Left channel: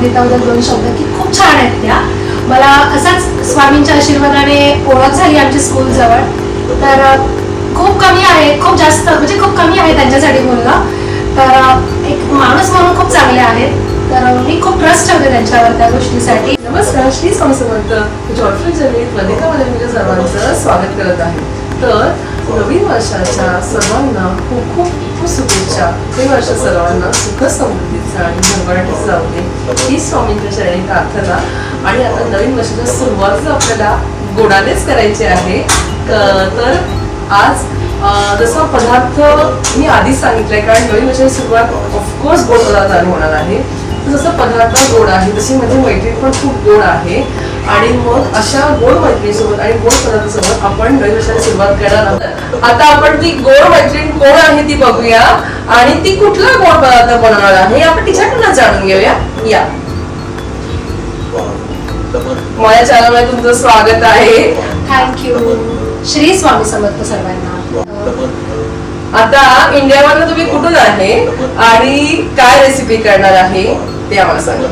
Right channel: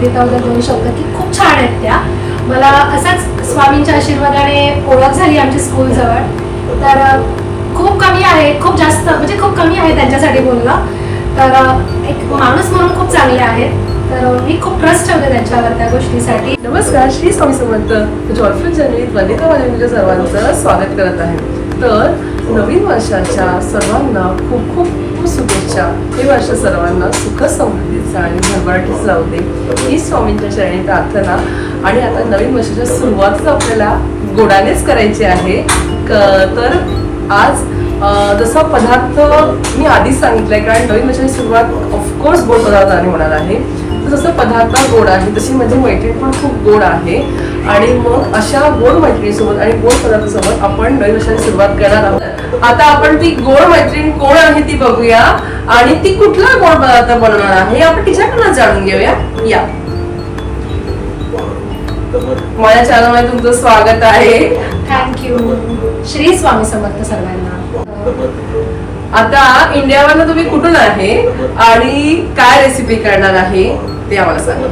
सांगितल्याबद्दल 2 शब्द की खूप छान आहेत त्या. मला असाच स्वामींच्या आशीर्वादाने ओळख झाली आमची स्कूल जवळ. तर खूप कमी आहे, खूप जास्त म्हणजे खूप कमी आहे त्यांच्यासाठी बोलणं. तर एक माणूस म्हणून खूप चांगले आहेत. तर मी खूप ट्रस्ट ठेवते त्यांच्यावर त्या गोष्टीसाठी. नमस्कार, श्री स्वामी समर्थ. जॉयफुल जर्नीत वनिता वाल्यांच्या सर्वांचं स्वागत करत आहे. तर नवीन वर्षाच्या सर्वांना खूप खूप शुभेच्छा. हे वर्ष सर्वांना सुख समृद्धीचा आणि भरभराटीच जाऊ दे ही स्वामींच्या चरणी प्रार्थना. आणि आता नवीन वर्षाच्या सुरुवातच आपल्याला गोडानेच करायची आहे. तर आज जसा पदार्थ मी आधीच सांगितलंय, कारण नवीन वर्षाची सुरुवात ऑफकोर्स गोड पदार्थाने होणार आहे. तर जसं पदार्थ गोड आहे तशी माझी मैत्रीण पण खूप गोड आहे. आणि मग अशा गोड मैत्रिणीसोबत आणि गोड पदार्थासोबत आपण नवीन वर्षाची सुरुवात करणार आहोत. आता आपण ती गोड मैत्रीण कोण आहे ती बघूया आणि ती कुठला गोड पदार्थ बनवणार आहे आपण तिच्याकडनं जाणून घेऊया. या माझ्या चॅनलमध्ये तुमचं स्वागत आहे. थँक्यू. श्री स्वामी समर्थ सर्वांना. आता इंडियामधलं तुम्ही कुठून आहे आणि काय रेसिपी करणार आहे ते आम्हाला सांगा.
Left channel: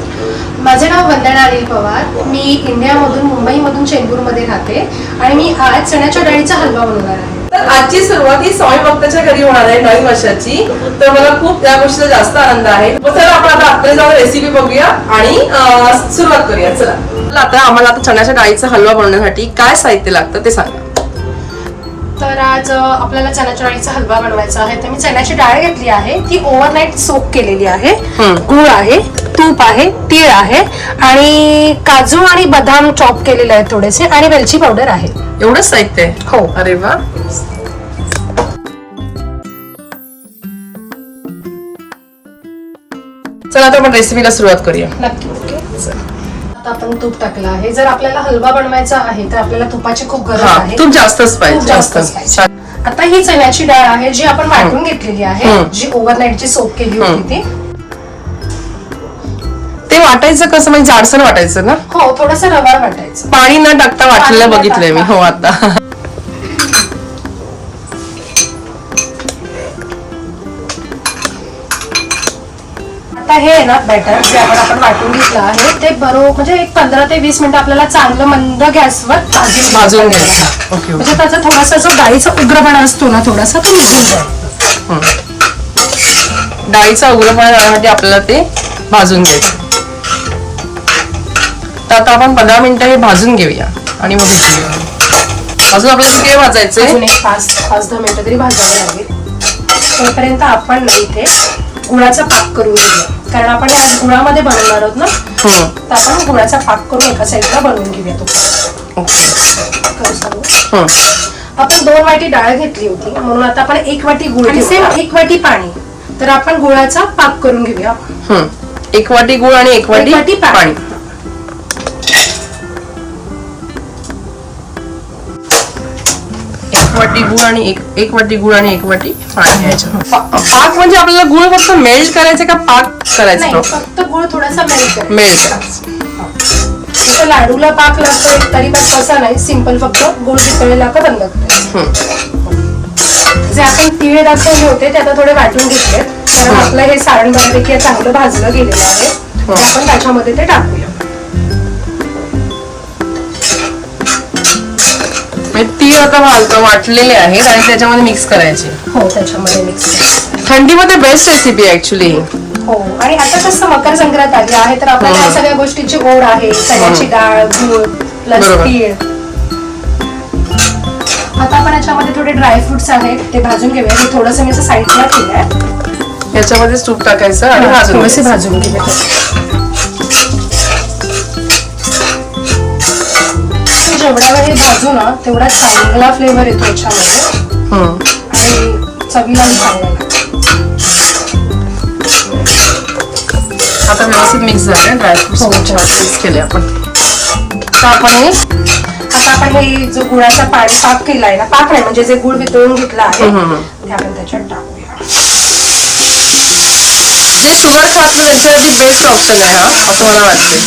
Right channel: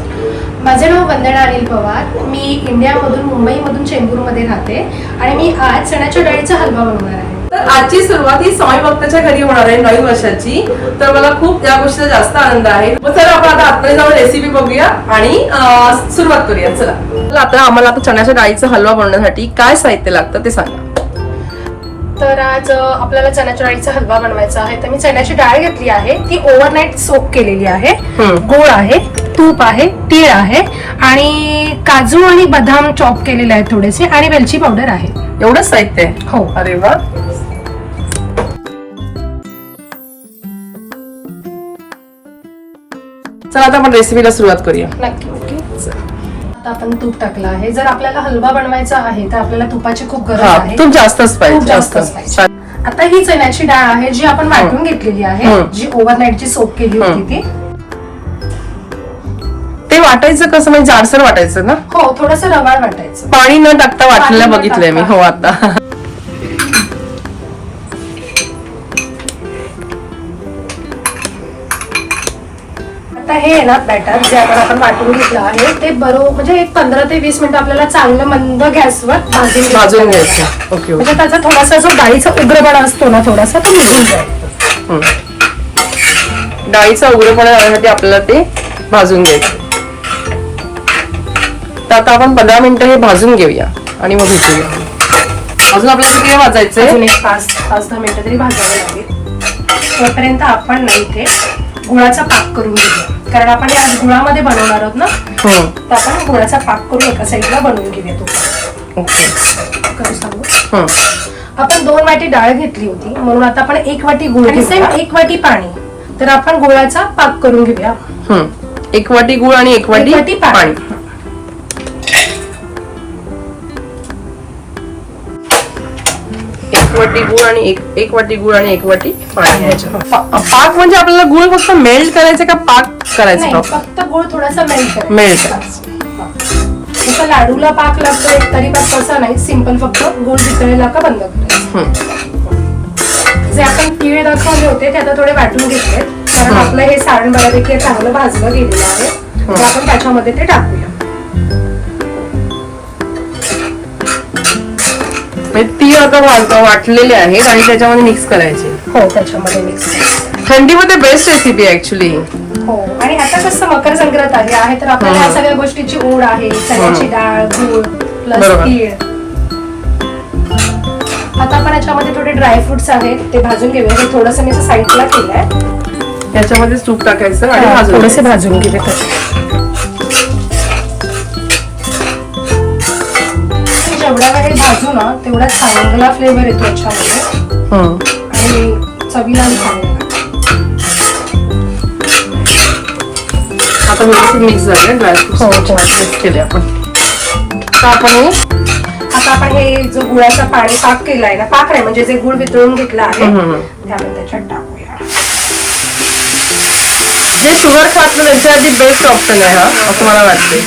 माझे नाव वंदना अनिल पवार. मी इंडियामधून मुंबईमधून चेंबूरमध्ये राहते आणि मी आज चण्याच्या डाळीचा हलवा बनवणार आहे. तर आजची सुरुवात ही स्वामी भक्ताच्या घरी होणार आहे नवीन वर्षाची. तर मला खूप या गोष्टीचा जास्त आनंद आहे. चला आपण आता आतमध्ये जाऊन रेसिपी बघूया आणि सुरुवात करूया. चला आता आम्हाला आता चण्याच्या डाळीचा हलवा बनवण्यासाठी काय साहित्य लागतं ते सांगा. तर आज आपल्याला चण्याच्या डाळीचा हलवा बनवायचा आहे. तर मी चण्याची डाळ घेतली आहे, ती ओव्हरनाईट सोक केलेली आहे. गूळ आहे, तूप आहे, तीळ आहे आणि काजू आणि बदाम चॉप केलेले आहेत थोडेसे आणि वेलची पावडर आहे. एवढंच साहित्य आहे? हो. अरे वा. चला आता आपण रेसिपीला सुरुवात करूया. नक्की. ओके. आता आपण तूप टाकलं आहे. जर आपल्याला हलवा बनवायचा आहे तर आपल्याला तुपाची खूप गरज आहे. तूप जास्तच पाहिजे. आता ही चण्याची डाळ आहे जी आपण वाटून घेतलेली आहे, जी ओव्हरनाईटची सोक केली होती ती. ते वाटायचं कसं, म्हणजे जाडसर वाटायचं ना? हो, थोडस रवाळ वाटायचं. पाणी न टाकता वाटलेलं बघितलंय मी. हो. आता हे ना बॅटर जे आपण वाटून घेतलं आहे ते बरोबर म्हणजे एक 15 ते 20 मिनिटं आपल्याला चांगलं मंद गॅसवर भाजून घ्यायचं. ओके. म्हणजे त्याचा थोडासा जो डाळीचा उग्रपणा असतो ना थोडासा तो निघून जाईल. डाळीचा उग्रपणा जाण्यासाठी आपल्याला ते भाजून घ्यायचं. तर आता आपण 15 मिनिटं हे भाजून घेऊया आणि मग भेटूया. अजून आपल्याला किती वेळ भाजायचंय? अजून एक 5-10 मिनिटं तरी भाजावं लागेल. तोपर्यंत आपण ना इथे गुळाचा पाक करून घेऊया, कारण आपण आज गुळामध्ये बनवणार आहोत ना. तर आपण गुळाचा पाक करून एका साईडला बनवून घेऊया. तो आपण 2 वाटी डाळ घेतली होती म्हणून आता आपण 1 वाटी गुळ आणि सेम 1 वाटी पाणी. तर आपण गुळाचा पाक करून घेऊया. 1 वाटी गुळ आणि 1 वाटी पाणी. एक वाटी गुळ आणि 1 वाटी पाणी घ्यायचं. पाक म्हणजे आपल्याला गुळ फक्त मेल्ट करायचं का पाक करायचं? फक्त गुळ थोडासा मेल्ट करायचं. जसं लाडूला पाक लागतो तरी पण तसं नाही, सिंपल फक्त गुळ वितळेला का बंद करायचं. जे आपण तीळ दाखवले होते ते आता थोडे वाटून घेतले, कारण आपलं हे सारण बऱ्यापैकी चांगलं भाजलं गेलेलं आहे. ते आपण त्याच्यामध्ये ते टाकूया. तीळ आता वाटलेले आहेत आणि त्याच्यामध्ये मिक्स करायचे. हो, त्याच्यामध्ये मिक्स करायचं. थंडीमध्ये बेस्ट रेसिपी आहे ऍक्च्युली. हो. आणि आता कसं मकर संक्रांत आली आहे तर आपल्याला या सगळ्या गोष्टीची ओढ आहे. चण्याची डाळ, गूळ प्लस तीळ. आता आपण याच्यामध्ये थोडे ड्रायफ्रुट्स आहेत ते भाजून घेऊया. हे थोडंसं मी साईडला केलंय. याच्यामध्ये तूप टाकायचं आणि भाजून घेऊया. जेवढ्या वेळी भाजू ना तेवढा चांगला फ्लेवर येतो याच्यामध्ये आणि चवीला चांगला. आता व्यवस्थित मिक्स झाले ड्रायफ्रुट्स मिक्स केले आपण. आता आपण हे जो गुळाचा पाक केलाय ना, पाक नाही म्हणजे जे गुळ वितळून घेतला आहे ते आपण त्याच्यात टाकूया. जे शुगर खात नाही त्यांच्यासाठी बेस्ट ऑप्शन आहे हा, असं मला वाटतंय.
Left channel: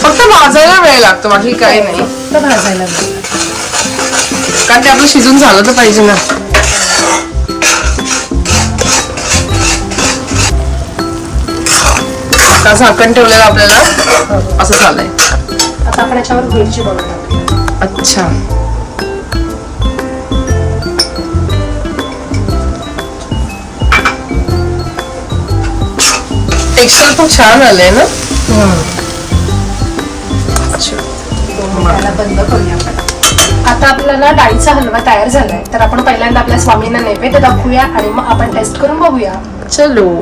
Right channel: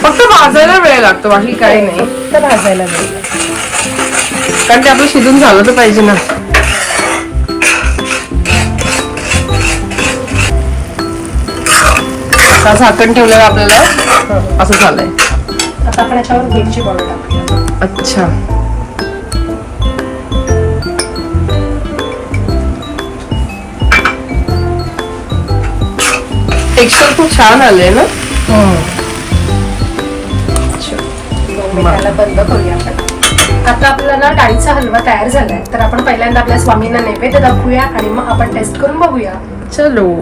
फक्त भाजायला वेळ लागतो, बाकी काही नाही. भाजायला कारण ते आपलं शिजून झालं तर पाहिजे ना. आता झाकण ठेवलेलं आपल्याला असं झालंय. आता आपण याच्यावर वेलची पावडर टाकूया. अच्छा, टेक्स्चर खूप छान आलंय ना. त्याला बंद करूया आपण. आता आपला ना डाळीचा हलवा तयार झालाय, तर आपण पहिल्यांदा आपल्या स्वामींना नैवेद्य दाखवूया आणि मग आपण टेस्ट करून बघूया. चलो.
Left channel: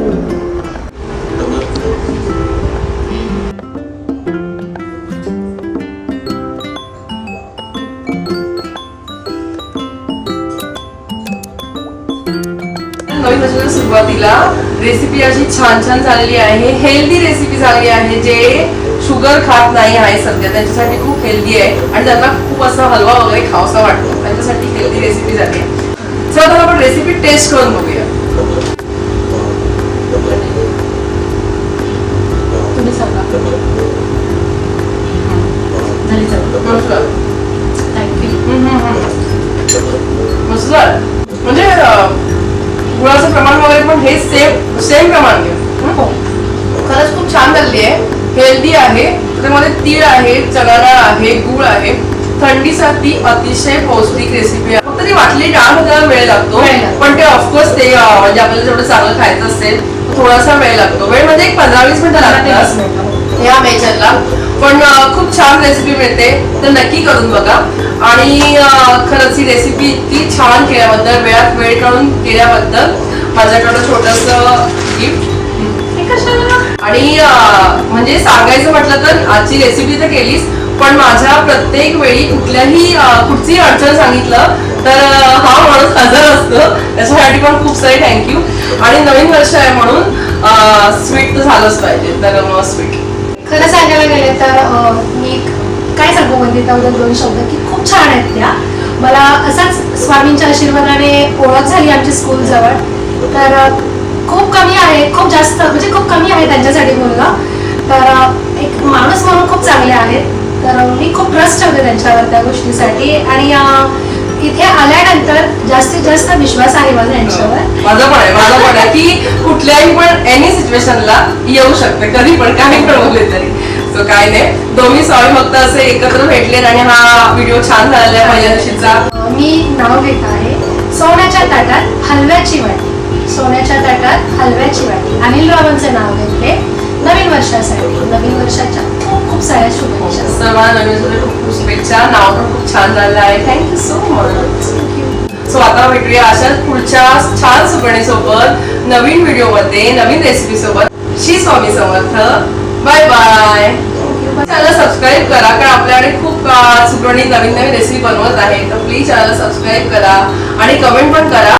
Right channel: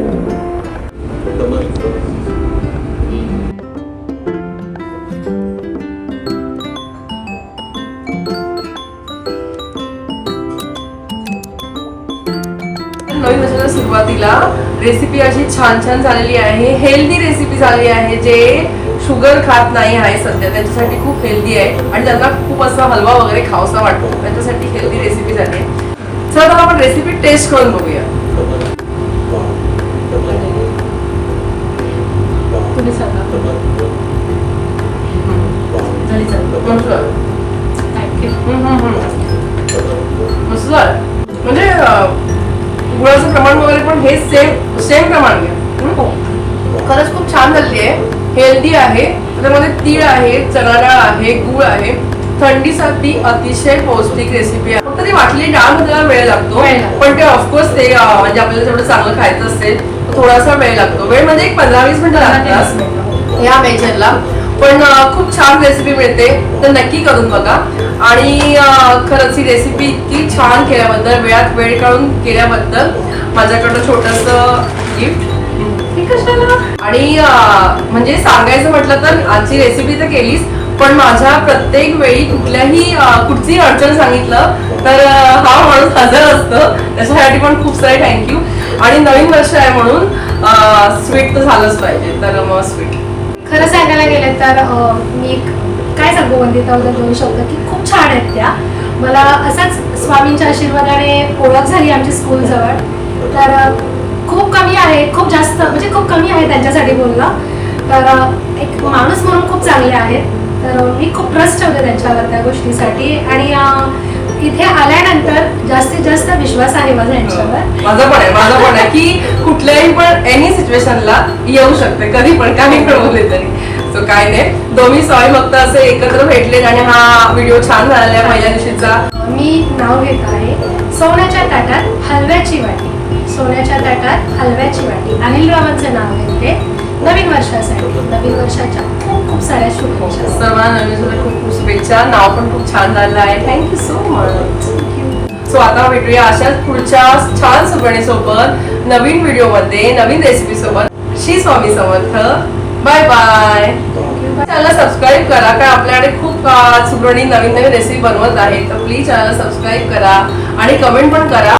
नवीन वर्षाच्या सुरुवातीला रेसिपी अशी छान छान झालेली आहे. हेल्दी रेसिपी झाली आहे. जे शुगर खात नाही आहे सध्या त्यांच्यासाठी खूप हेल्दी आहे आणि त्यांना खूप असा हलवा वगैरे खावासा वाटतो, त्यांच्यासाठी हेल्दी रेसिपी झाली आहे. चला आता आपण रेसिपी टेस्ट करून बघूया. तुम्ही सांगा. झाली चालेल. मस्त झालं. थँक्यू. मस्त झालं. म्हणजे गुळाचं प्रमाण वगैरे पण हे सेम प्रमाण घ्या. हो, खरंच खूप छान झाली आहे. हेल्दी आहे. त्याच्यामध्ये तीळ आहे, चणा डाळ आहे, गुळ आहे. थंडीसाठी अतिशय पौष्टिक रेसिपी आहे. फक्त ती वाटली डाळ आपल्याला वेळ लागतो, पण ते ऑफकोर्स ते म्हणजे आपल्याला जेवढं चांगलं खायचं असेल तर थोडासा वेळ लागतो. वेळ म्हणजे एक 15-20 मिनिटं लागतात या मेजरला. पण खूप छान रेसिपी मिळते, तर नक्की करून बघा. आणि खरंच ही रेसिपी इतकी छान केल्याबद्दल, वेळात वेळ काढून केल्याबद्दल माझ्याकडं छोटंसं गिफ्ट. आणि म्हणजे सांगायचं म्हटलं तर आजची रेसिपी तर केलीच, पण माझ्या प्रत्येक वेळी कुठची अडचण सांगितलं तर हा माणूस हजर असतो. त्याच्यासाठी पण खूप सारे थँक्यू. आणि नवीन वर्ष आहे म्हणून स्वीट तर झालंच पाहिजे, तर मग स्वीट. खरं सांगायला गेले तर मी काय सांगू वंदिताबद्दल 2 शब्द की खूप छान आहेत त्या. मला असाच स्वामींच्या आशीर्वादाने ओळख झाली आमची स्कूल जवळ. तर खूप कमी आहे, खूप जास्त म्हणजे खूप कमी आहे त्यांच्यासाठी बोलणं. तर एक माणूस म्हणून खूप चांगले आहेत. तर मी खूप ट्रस्ट ठेवते त्यांच्यावर त्या गोष्टीसाठी. आणि इथे आल्यानंतर जास्तीत जास्त विश्वास आहे माझा यांच्यावर. माझा पण आहे की कुठल्याही पण एनी सिच्युएशनला येऊ शकते, कधी पण काही पण बोलले तरी. सो काय नाही, दोन्ही स्वामी भक्त असे एकत्र भेटले आणि हा व्हिडिओ छान झालेला पहिल्या दिवशीचा. मी नाव घेत आहे सोन्याच्या ताटात हलव्याची वाटी. सोन्याच्या ताटात हलव्याची वाटी. अनिल रावांचं नाव घेते नवीन वर्षासाठी. नवीन वर्षाच्या खूप साऱ्या शुभेच्छा. सर्वांना नवीन वर्षाच्या खूप खूप शुभेच्छा. नाव पण खूप छान झालं आहे. Thank you so much. सो आता भेटूया अशाच पुढच्या छान सुगरणीसोबत नवीन व्हिडिओमध्ये, नवीन रेसिपी सोबत. Shri Swami Samarth. Bye bye. Channel subscribe करा, कारण आपल्याकडे खूप सुगरणी नवीन नवीन रेसिपी बनवत आहे. तर प्लीज चॅनल सबस्क्राईब करा आणि कमेंट पण करा.